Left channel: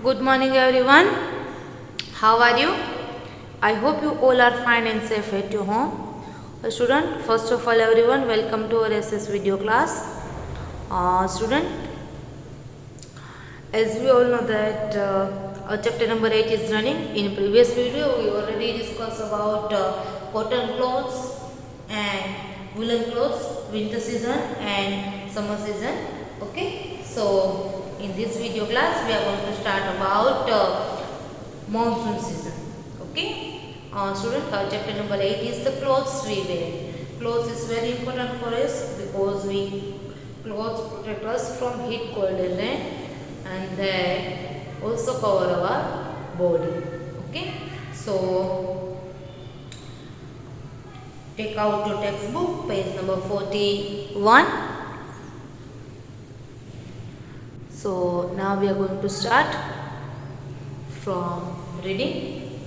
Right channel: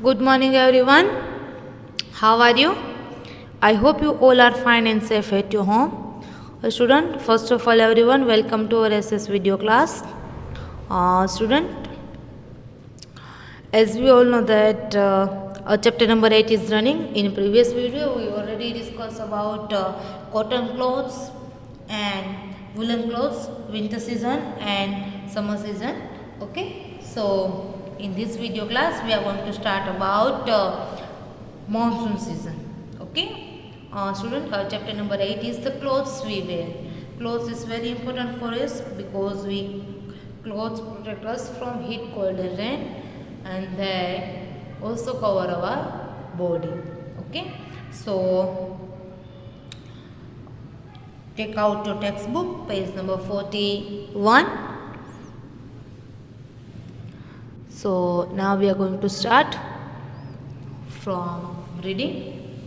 Good morning, everyone. How are you? I hope you all are fine and safe at your home. Student, first of all, everyone, welcome to our SS video class. Student, as we all know that chapter number 8 is running. In previous video, we already discussed about cotton clothes and woolen clothes, winter season and summer season. Okay, so in this video class, we are going to start about monsoon season. Okay, student, chapter number 8 is the clothes we wear. Clothes is very important for us because clothes protect us from heat, cold and rain, and they also cover our body. Okay, so take out your textbook, page number 41. So now we are going to start from reading.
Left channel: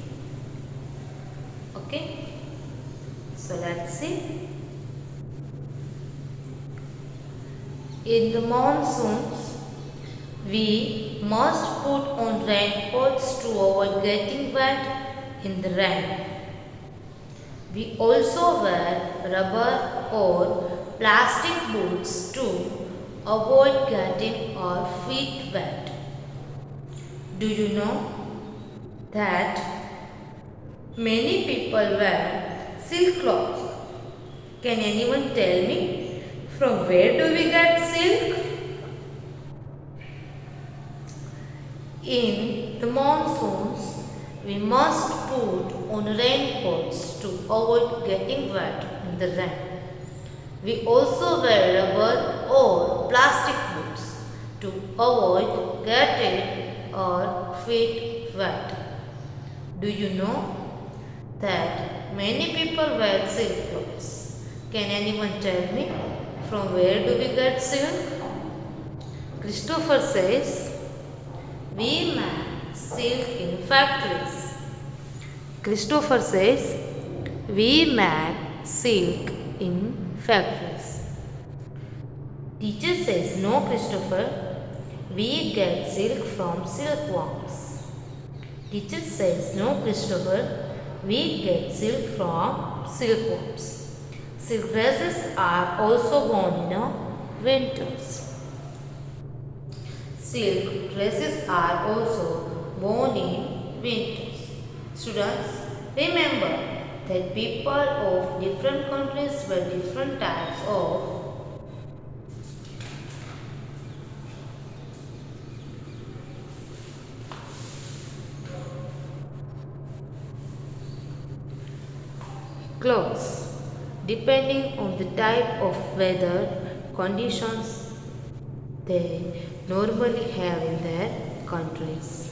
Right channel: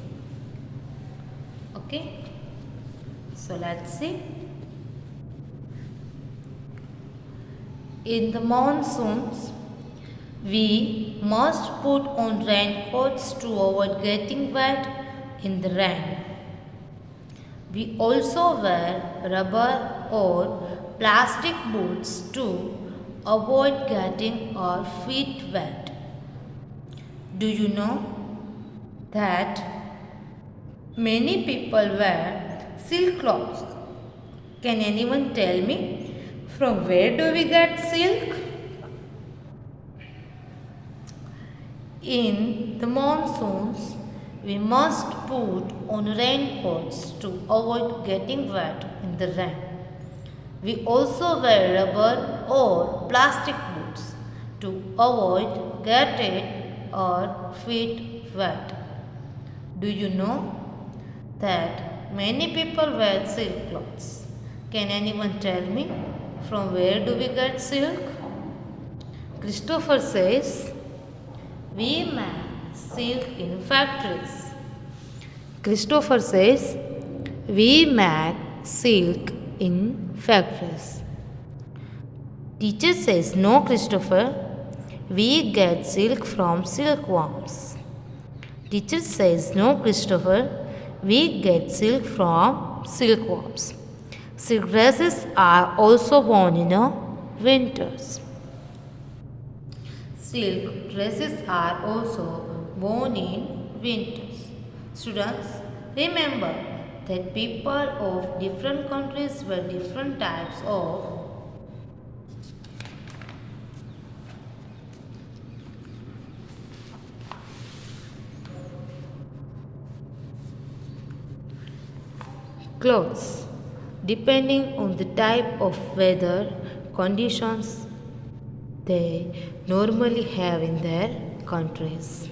Okay, so let's see. In the monsoons, we must put on raincoats to avoid getting wet in the rain. We also wear rubber or plastic boots to avoid getting our feet wet. Do you know that many people wear silk cloths? Can anyone tell me from where do we get silk? In the monsoons, we must put on raincoats to avoid getting wet in the rain. We also wear rubber or plastic boots to avoid getting our feet wet. Do you know that many people wear silk clothes? Can anyone tell me from where do we get silk? Christopher says, we make silk in factories. Christopher says, we make silk in factories. Teacher says, no, Christopher, we get silk from silkworms. Teacher says, no, Christopher, we get silk from silkworms. Silk dresses are also worn in winters. Silk dresses are also worn in winters. Students, remember that people of different countries wear different types of clothes depending on the type of weather conditions they normally have in their countries.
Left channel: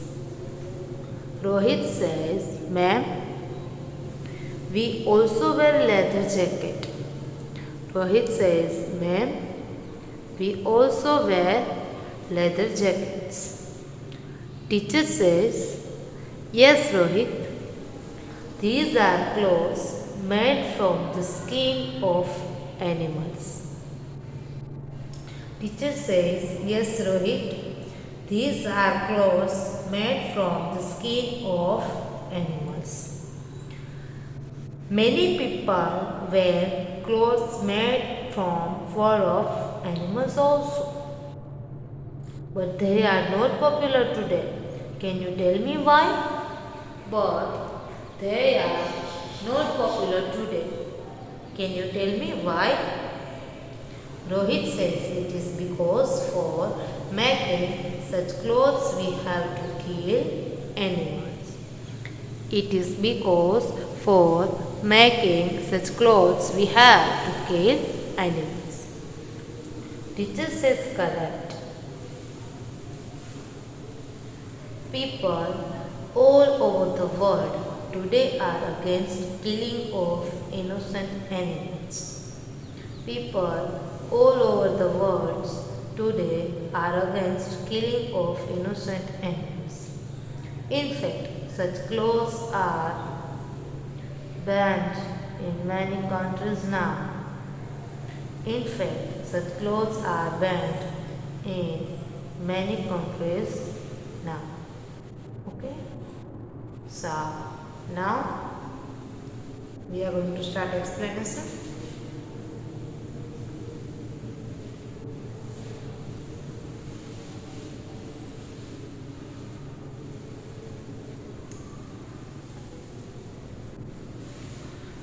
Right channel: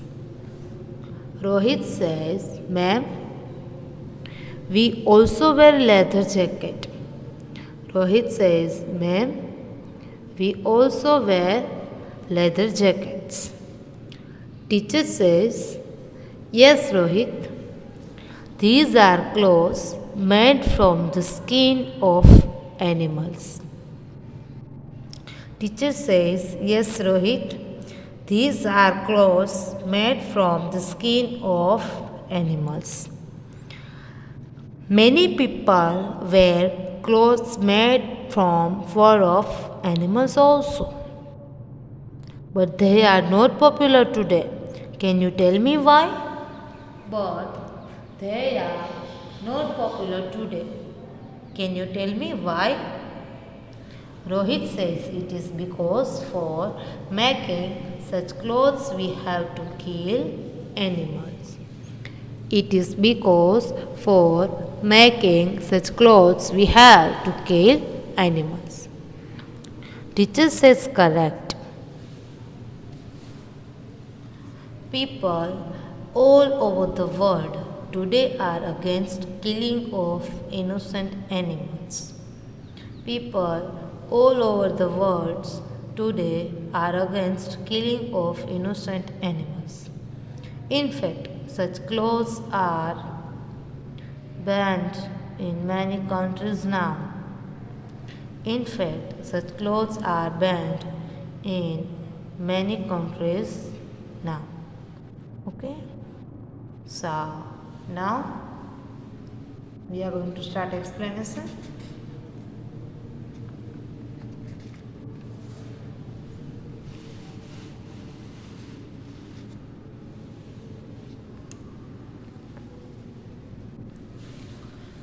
Rohit says, ma'am, we also wear leather jacket. Rohit says, ma'am, we also wear leather jackets. Teacher says, yes, Rohit, these are clothes made from the skin of animals. Teacher says, yes, Rohit, these are clothes made from the skin of animals. Many people wear clothes made from fur of animals also. But they are not popular today. Can you tell me why? But they are not popular today. Can you tell me why? Rohit says it is because for making such clothes we have to kill animals. It is because for making such clothes we have to kill animals. Teacher says correct. People all over the world today are against killing of innocent animals. People all over the world today are against killing of innocent animals. In fact, such clothes are banned in many countries now. In fact, such clothes are banned in many countries now. Okay, so now we are going to start explanation.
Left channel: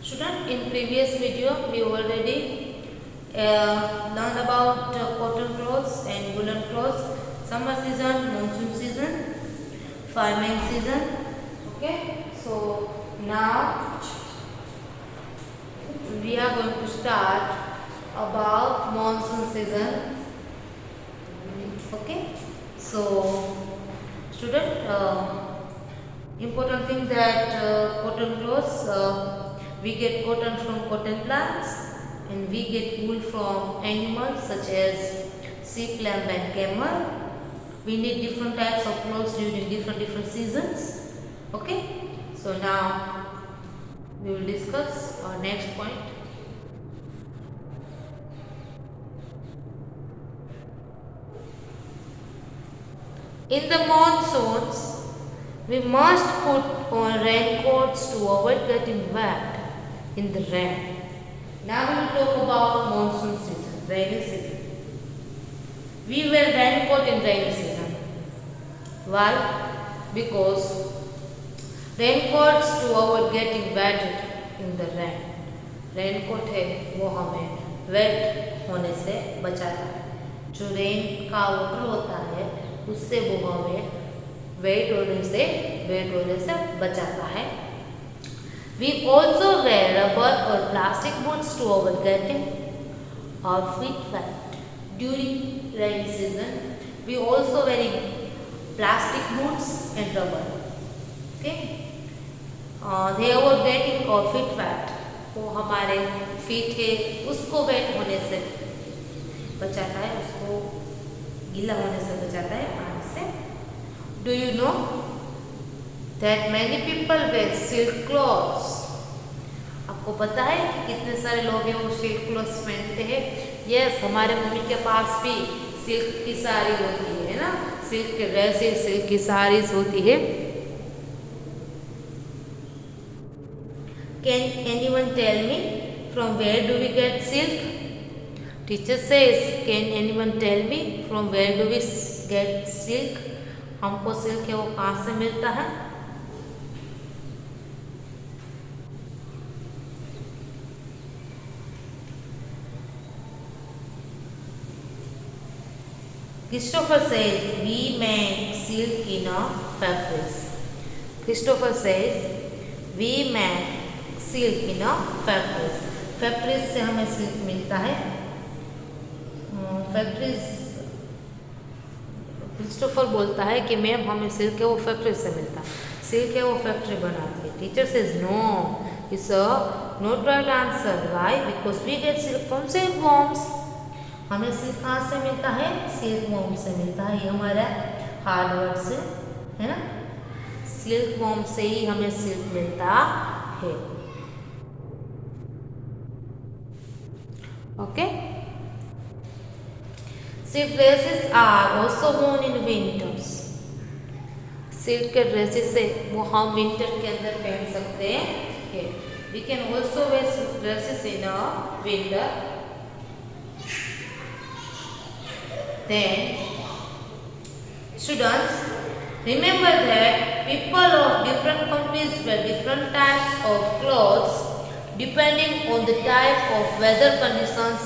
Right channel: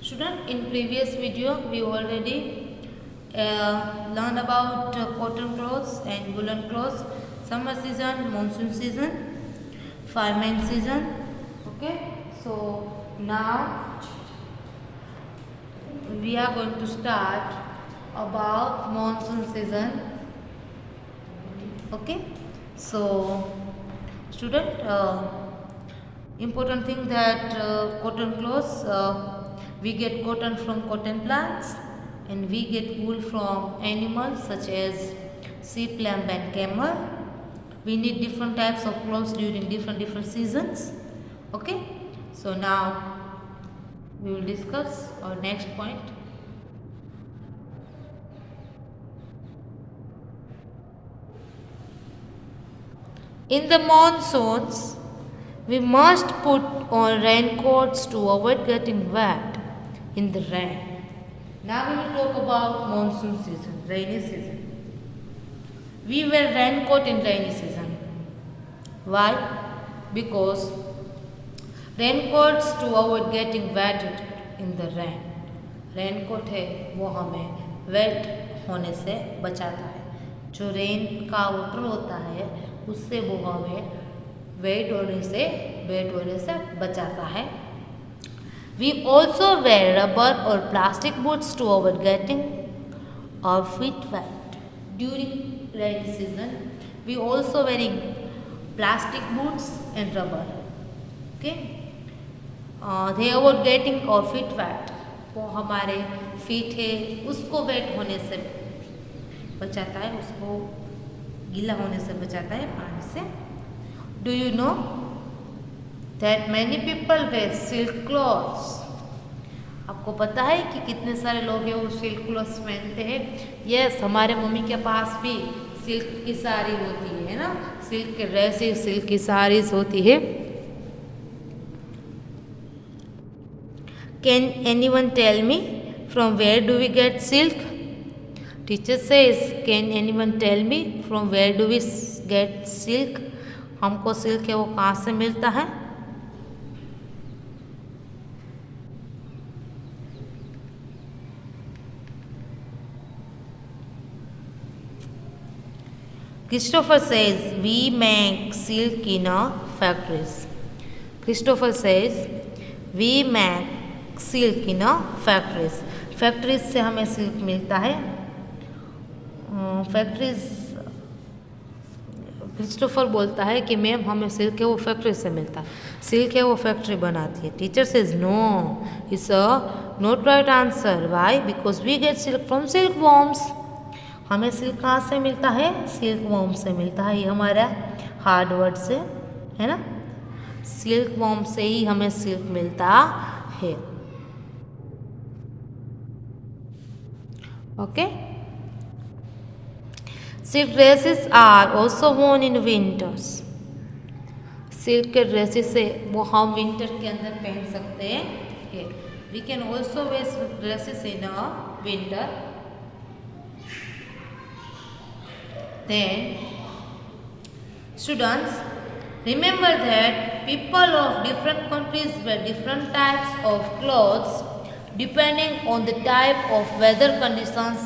Student, in previous video we already learned about cotton clothes and woolen clothes, summer season, monsoon season, farming season. Okay, so now we are going to start about monsoon season. Okay, so student, important thing that cotton clothes, we get cotton from cotton plants and we get wool from animals such as sheep, lamb and camel. We need different types of clothes during different seasons. Okay, so now we will discuss our next point. In the monsoons, we must put on raincoats to avoid getting wet in the rain. Now we will talk about monsoon season, rainy season. We wear raincoat in rainy season. Why? Because raincoats to avoid getting wet in the rain. Raincoat है वो हमें wait होने से बचाता है. जो rain का water होता है उससे वो हमें वेट होने से बचाता है. We also wear rubber or plastic boots to avoid getting our feet wet. During rainy season, we also wearing plastic boots and rubber. Okay, they avoid getting our feet wet. वो हमारे feet है उसको wait होने से बचाता है, उसको गीला होने से बचाता है पानी से. Do you know that many people wear silk clothes? आपको पता है कि कितने सारे लोग हैं वो सिल्क क्लॉथ्स पहनते हैं. यस, हमारे मम्मी के पास भी सिल्क की साड़ी होती है ना, सिल्क के ड्रेसेस, सिल्क की साड़ीज होती है. Can anyone tell me from where do we get silk? Teacher says, can anyone tell me from where do we get silk? हमको सिल्क है वो कहाँ से मिलता है? Christopher says, we make silk in our factories. Christopher says, we make silk in factories. Factories से हमें silk मिलता है. फैक्ट्रीज, क्रिस्टोफर बोलता है कि मैम हमें सिल्क है वो फैक्ट्री से मिलता है. सिल्क है वो फैक्ट्री बनाती है. Teacher says no, it's a not right answer. Why? Because we get silk from silk worms. हमें सिल्क कहाँ से मिलता है? सिल्क वॉर्म से मिलता है. ये हमारा हार्ड वर्ड से है ना, सिल्क वॉर्म से ही हमें सिल्क मिलता है. Okay, silk dresses are also worn in winters. Silk के ड्रेसेस से वो हम विंटर के अंदर पहन सकते हैं. We can also wear silk dresses in a winter. Then, students, remember that people of different countries wear different types of clothes depending on the type of weather conditions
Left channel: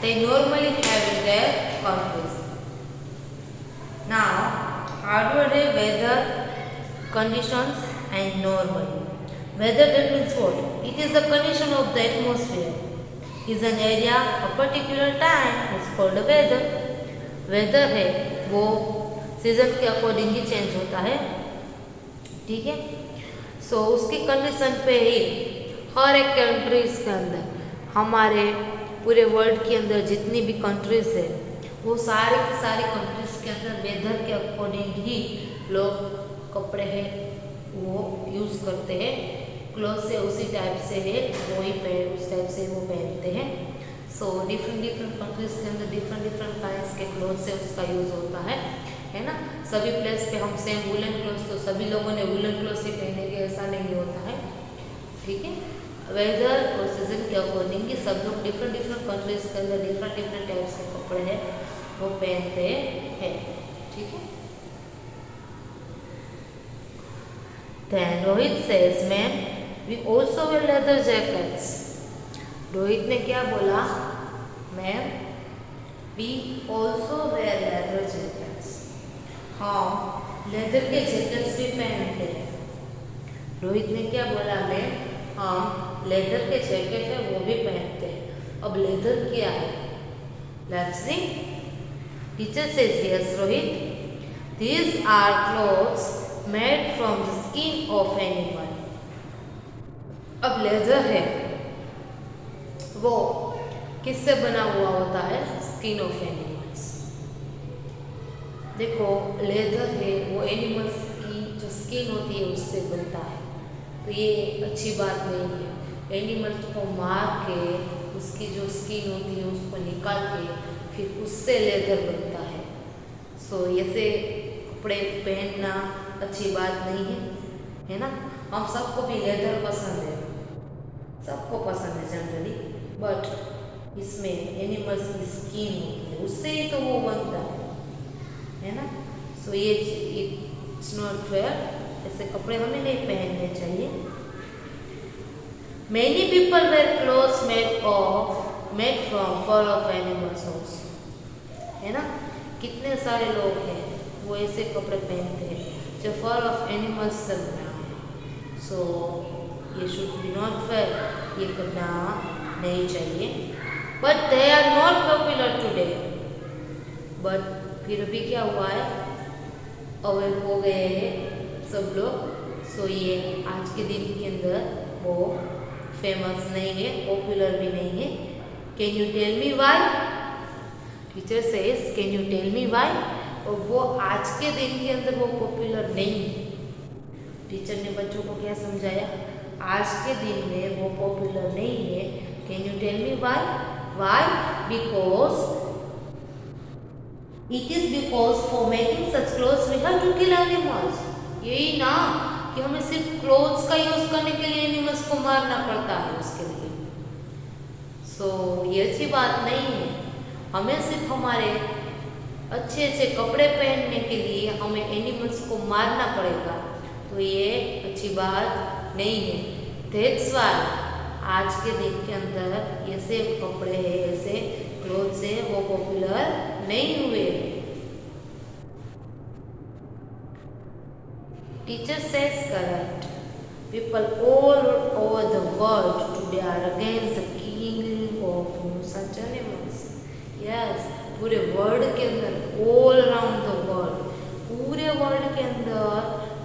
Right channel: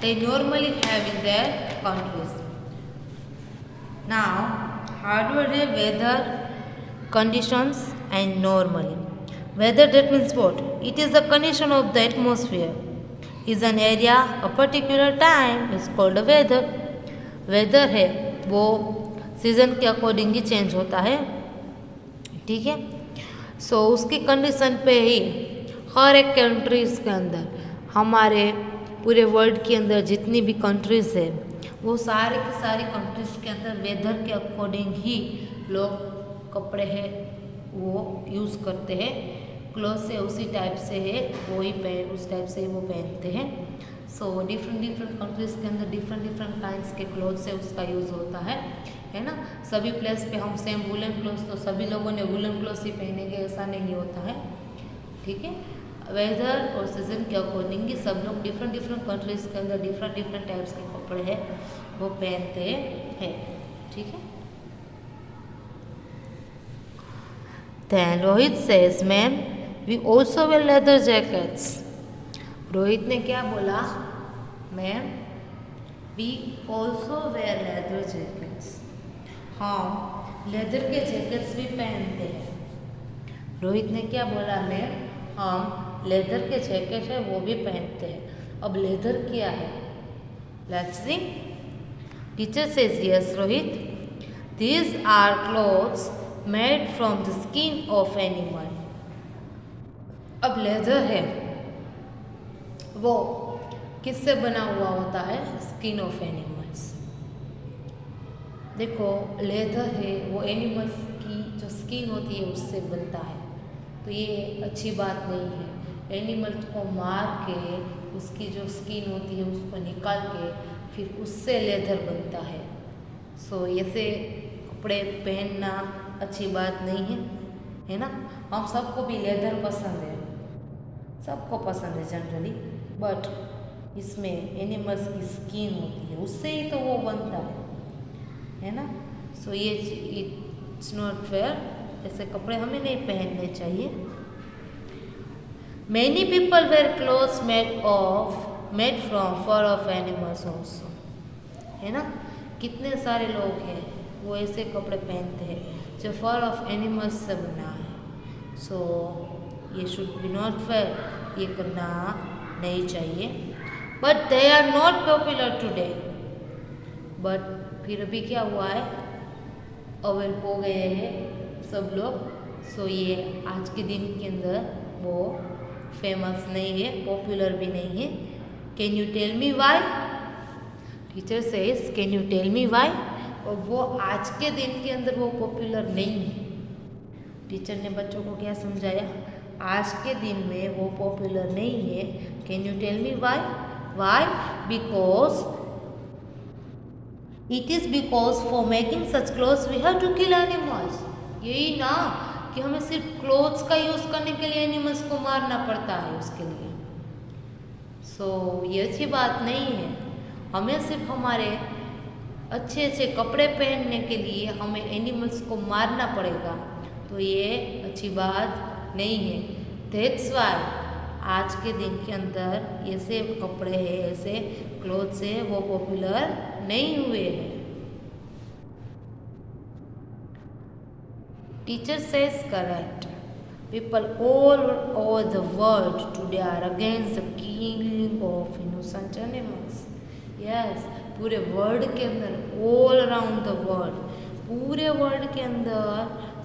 they normally have in their countries. Now, how do they weather conditions and normally? Weather, that means what? It is the condition of the atmosphere. Is an area, a particular time is called a weather. Weather है वो season के according ही change होता है. ठीक है, सो उसकी condition पे ही हर एक कंट्रीज के अंदर, हमारे पूरे वर्ल्ड के अंदर जितनी भी कंट्रीज है वो सारी की सारी कंट्रीज के अंदर वेदर के अकॉर्डिंग ही लोग कपड़े हैं वो यूज़ करते हैं. क्लोथ से उसी टाइप से है वही पहन, उस टाइप से वो पहनते हैं. सो डिफरेंट कंट्रीज के अंदर डिफरेंट काइंड्स के क्लोथ से उसका यूज़ होता है. है ना। सभी प्लेस पे हम सेम वुलन क्लोथ, तो सभी लोगों ने वुलन क्लोथ ही पहनेंगे ऐसा नहीं होता है, ठीक है। वेदर और सीजन के अकॉर्डिंग सब लोग डिफरेंट डिफरेंट कंट्रीज के अंदर डिफरेंट डिफरेंट टाइप्स के कपड़े हैं वो पहनते हैं, ठीक है। Then Rohit says, "Ma'am, we also wear leather jackets." Rohit ने क्या बोला? Ma'am, we also wear leather jackets. हम लेदर के जैकेट्स भी पहनते हैं। रोहित ने क्या बोला? मैम, हम लेदर के जैकेट है वो भी पहनते हैं। अब लेदर क्या है? Let's see. Teacher says, yes Rohit, these are clothes made from the skin of animal. अब लेदर है वो किससे बना हुआ होता है? Skin of animals. देखो, लेदर है वो एनिमल्स की जो स्किन होती है उससे बनता है, तो ये अच्छी बात नहीं है। एनिमल्स को मार के उसकी जो स्किन होती है उसको निकाल के फिर उससे लेदर बनता है। सो ऐसे कपड़े पहनना अच्छी बात नहीं है, है ना। हम सबको भी लेदर पसंद है, सबको पसंद है जनरली, बट इसमें एनिमल्स की स्किन होती है उससे ही तो वो बनता है ना। सो ये इट्स नॉट फेयर, ऐसे कपड़े हमें नहीं पहनने चाहिए। Many people wear clothes made from fur of animals also, है ना। कितने सारे लोग हैं वो ऐसे कपड़े पहनते हैं जो फर ऑफ एनिमल्स से बना है। सो ये शुड बी नॉट फेयर, ये करना नहीं चाहिए। But they are not popular today. But फिर भी क्या हुआ है? अवेयर हो गए हैं सब लोग। सो ये आज के दिन के अंदर वो फेमस नहीं है, पॉपुलर भी नहीं है। Can you tell me why? Teacher says, can you tell me why? और वो आज के दिन के अंदर वो पॉपुलर नहीं है। टीचर ने बच्चों को क्या समझाया? आज के दिन में वो पॉपुलर नहीं है। Can you tell me why? Why? Because it is because for making such clothes we have to kill animals. यही ना कि हमें सिर्फ क्लोथ्स का यूज करने के लिए एनिमल्स को मारना पड़ता है उसके लिए। सो ये अच्छी बात नहीं है। हमें सिर्फ हमारे अच्छे अच्छे कपड़े पहनने के लिए हमें एनिमल्स को मारना पड़ेगा, तो ये अच्छी बात नहीं है। दैट्स व्हाई आज के दिन के अंदर ऐसे कपड़े हैं, ऐसे क्लोथ्स है वो पॉपुलर नहीं हुए हैं। Teacher says correct. People all over the world today are against the killing of innocent animals. Yes, पूरे वर्ल्ड के अंदर, ऑल अराउंड द वर्ल्ड, पूरे वर्ल्ड के अंदर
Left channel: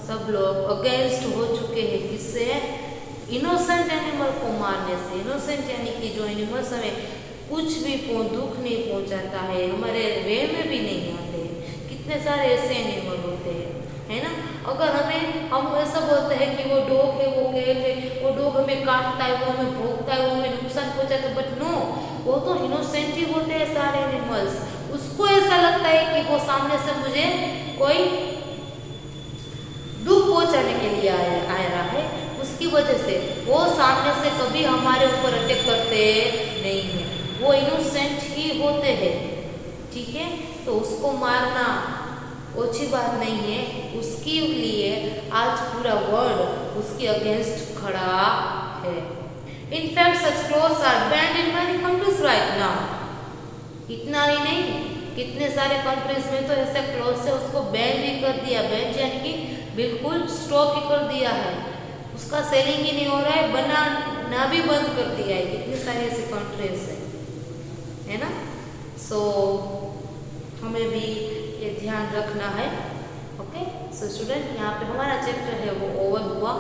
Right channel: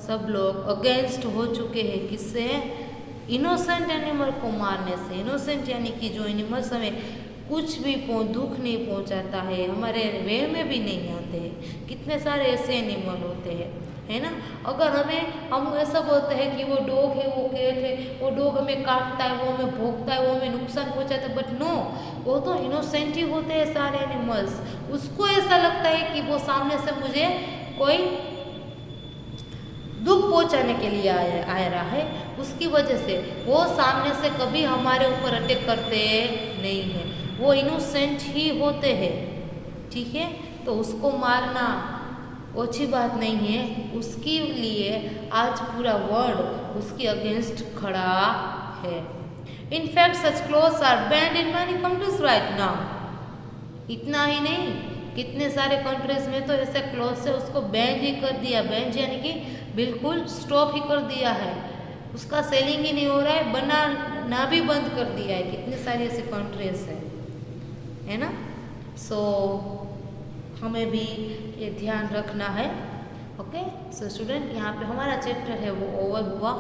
सब लोग अगेंस्ट हो चुके हैं। किससे? इनोसेंट एनिमल को मारने से। इनोसेंट यानी कि जो एनिमल्स हमें कुछ भी दुख नहीं पहुंचाता है, हमारे वे में भी नहीं आते हैं। कितने सारे ऐसे एनिमल होते हैं, है ना। अगर हम ऐसा बोलते हैं कि वो डॉग है, वो कैट है, वो डॉग हमें काटता है, वो हमें भोंकता है, वो हमें नुकसान पहुंचाता है, बट नो, वो तो इनोसेंट ही होते हैं सारे एनिमल्स। उसको ऐसा लगता है कि वो सामने से मुझे कोई दुख पहुंचाने के लिए आ रहा है, उसकी वजह से वो सामने से कभी हमारे ऊपर अटैक करते नहीं हैं। वो इनोसेंट ही होते हैं, ठीक है। तो उसको मारना अच्छी बात नहीं है। उसके लिए आज पूरा वर्ल्ड उसके अगेंस्ट खड़ा है। In fact such clothes are banned in many countries right now. इतना ही नहीं, कितने सारे कंट्रीज में तो ऐसा क्लोथ्स है उसको बैन भी कर दिया। बैन यानी कि बिल्कुल स्टॉप ही कर दिया है, उसका सेलिंग ही नहीं हो रहा है, बनाना भी बंद कर दिया है। कितने सारे ऐसे कंट्रीज है ना। सो हमें भी ये ध्यान रखना है। ओके, सो स्टूडेंट, यहाँ पे हमारा चैप्टर है वो ओवर हुआ।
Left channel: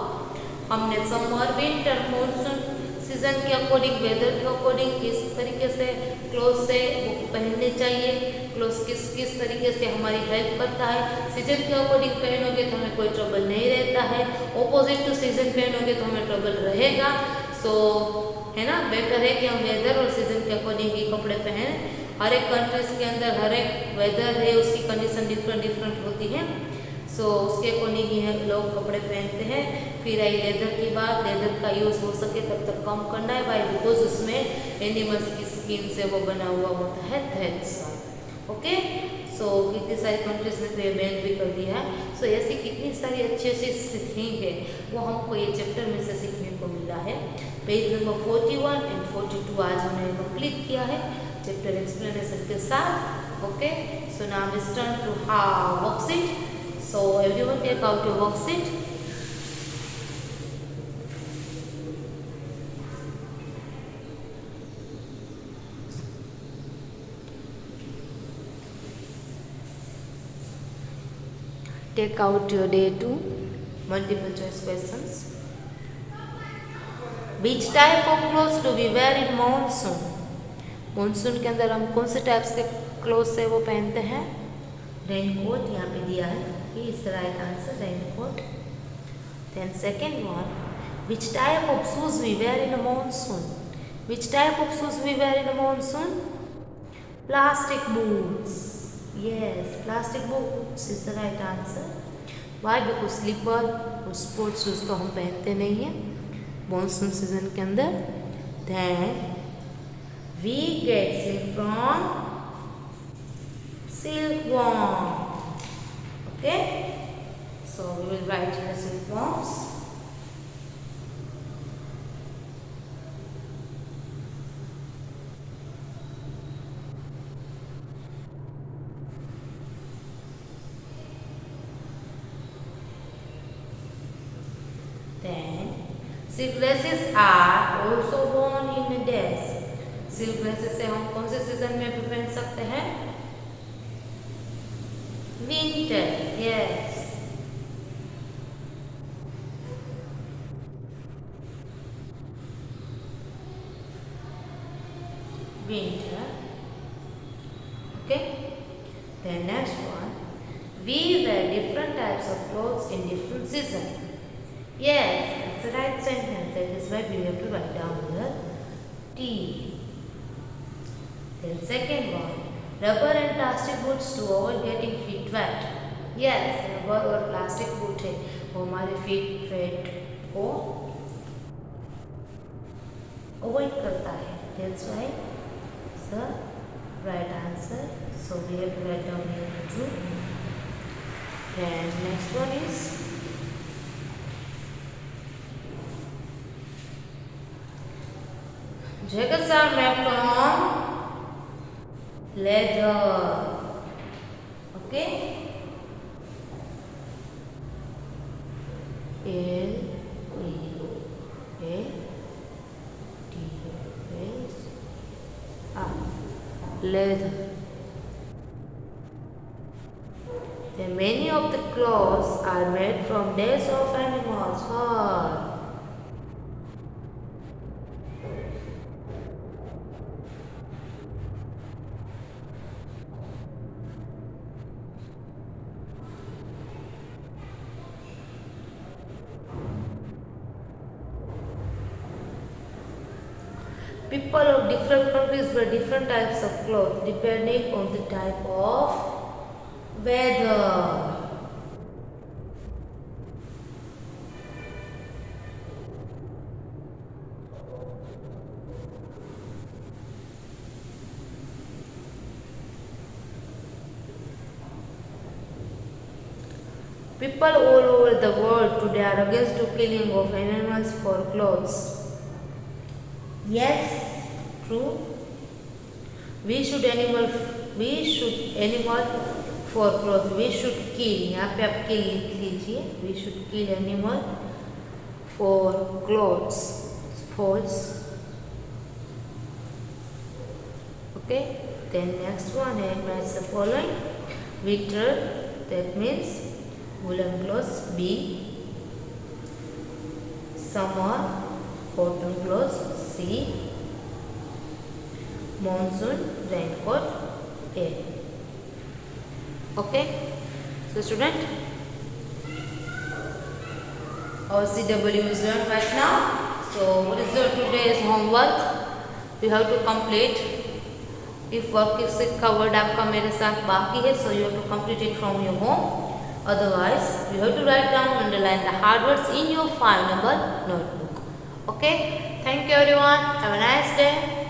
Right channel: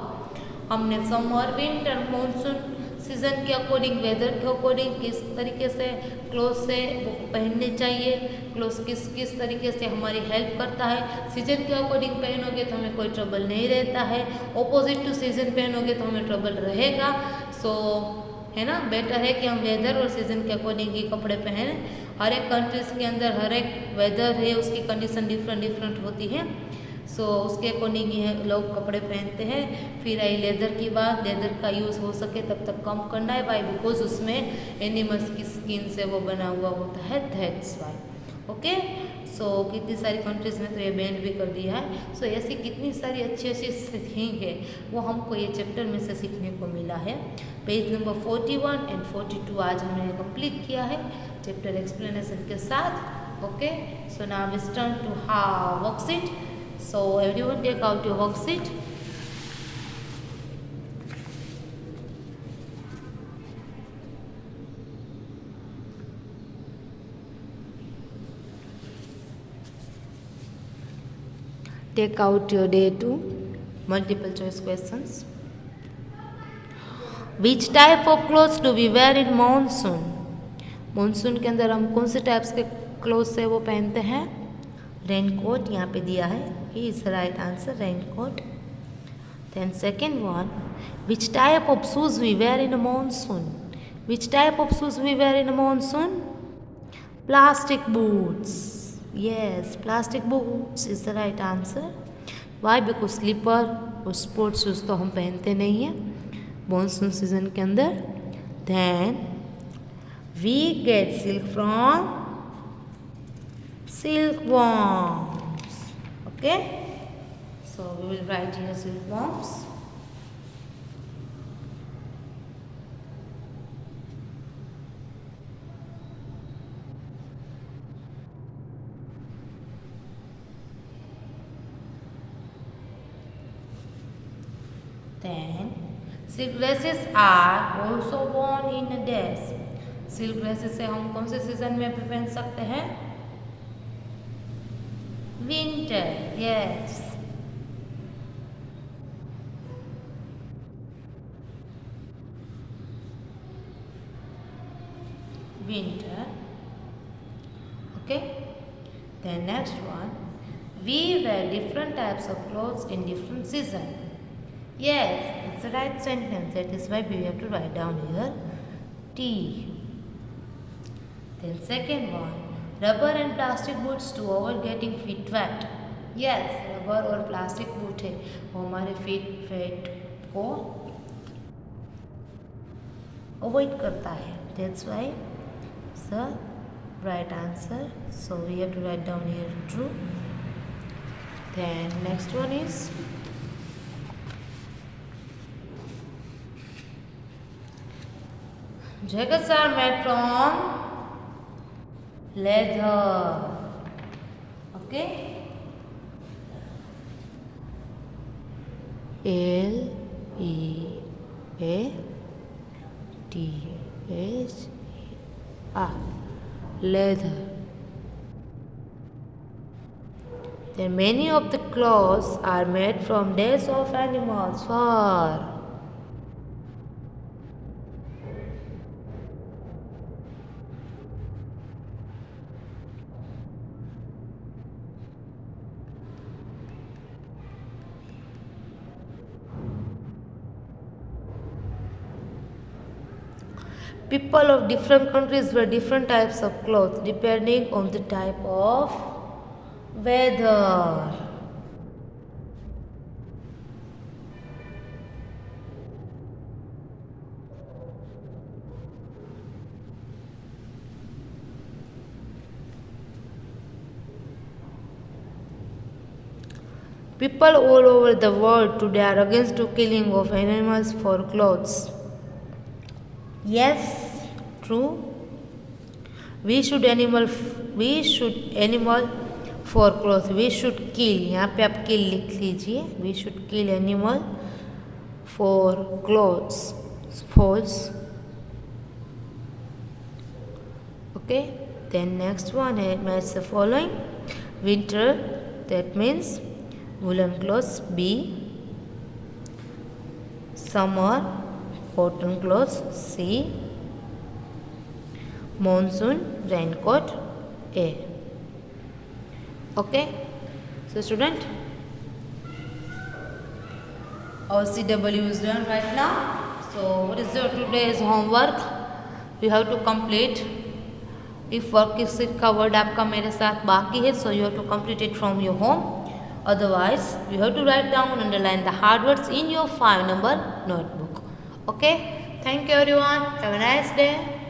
हमने समर, विंटर, मॉनसून सीजन के अकॉर्डिंग, वेदर के अकॉर्डिंग किस तरीके से क्लोथ से पहनने चाहिए, क्लोथ किस तरीके से हमारी हेल्प करता है। सीजन के अकॉर्डिंग पहनोगे तो हमें कोई ट्रबल नहीं रहता है, ऑपोजिट टू सीजन पहनोगे तो हमें ट्रबल रहेगा। सो है ना, बेटर है कि हम वेदर और सीजन के अकॉर्डिंग ही कपड़े पहने। हर एक कंट्रीज के अंदर हर एक वेदर है, उसकी कंडीशन डिफरेंट डिफरेंट सो उसके अकॉर्डिंग ये लोग कपड़े पहनते हैं। फिर आई लेदर की बात, लेदर का यूज़ हो सके तब तक कम करना है भाई, बिकॉज उसमें एनिमल्स की स्किन से वो बना हुआ होता है, दैट्स वाई। ओके, सो कितनी सारी कंट्रीज ने तो ये बैन भी कर दिया है। सो ऐसी कितनी सारी अच्छी अच्छी थिंग है वो हमको ये चैप्टर में से सीखने को मिला है। पेज नंबर 41 एंड 42 आज हमने कंप्लीट किया है चैप्टर एक्सप्लेनेशन के साथ। Okay, so now let's turn to how worksheet. So everyone take out your worksheet. Take out your day 2 multiple choice questions. Which type of clothes do we wear in monsoon? Monsoon के अंदर हम कौन से types के clothes है वो पहनते हैं? रेनकोट यहाँ पे दिया है, he is right answer, raincoat. Then second one, which type of shoes we wear in a monsoon? Which type of shoes we wear in a monsoon? Plastic boots, yes, plastic boots is the right answer. Why? Because slipper और sports shoes तो हम पहनते नहीं हैं monsoon season के अंदर। Then we get silk from silkworms. Okay, so we will write here silkworms. Then silk dresses are also worn in a days. Silk dresses से हम कौन से सीजन में भी पहन सकते हैं? Winter, yes. Winter. Okay. Then next one. We wear different types of clothes in different seasons. Yes, it's the right sentence. That is why we have to write down here T. Then second one. Rubber and plastic boots to avoid getting feet wet. Yes, rubber और plastic boot है वो हमारे feet wet को avoid करता है, that's why the right answer. So we have to write down here true. Then next one is jackets are made from leather. Okay, L E A T H R, leather. Then many of the clothes are made from days of animals. Fur. People of different countries wear different types of clothes depending on the type of weather. People all over the world today are against the killing of animals for clothes. Yes, true. We should animal for clothes. We should kill. यहाँ पे आप kill लिख लीजिए. We should kill animal for clothes. False. Okay. Then next one है match the following. Winter, that means woolen clothes. B. Summer, cotton clothes. C. Monsoon, raincoat. A. Okay, so student, our CW is learned right now. So what is your today's homework? You have to complete. If work is covered आपका मेरे साथ बाकी है, so you have to complete it from your home. Otherwise, you have to write down and underline the hard words in your 5 number notebook. Okay. Thank you everyone. Have a nice day.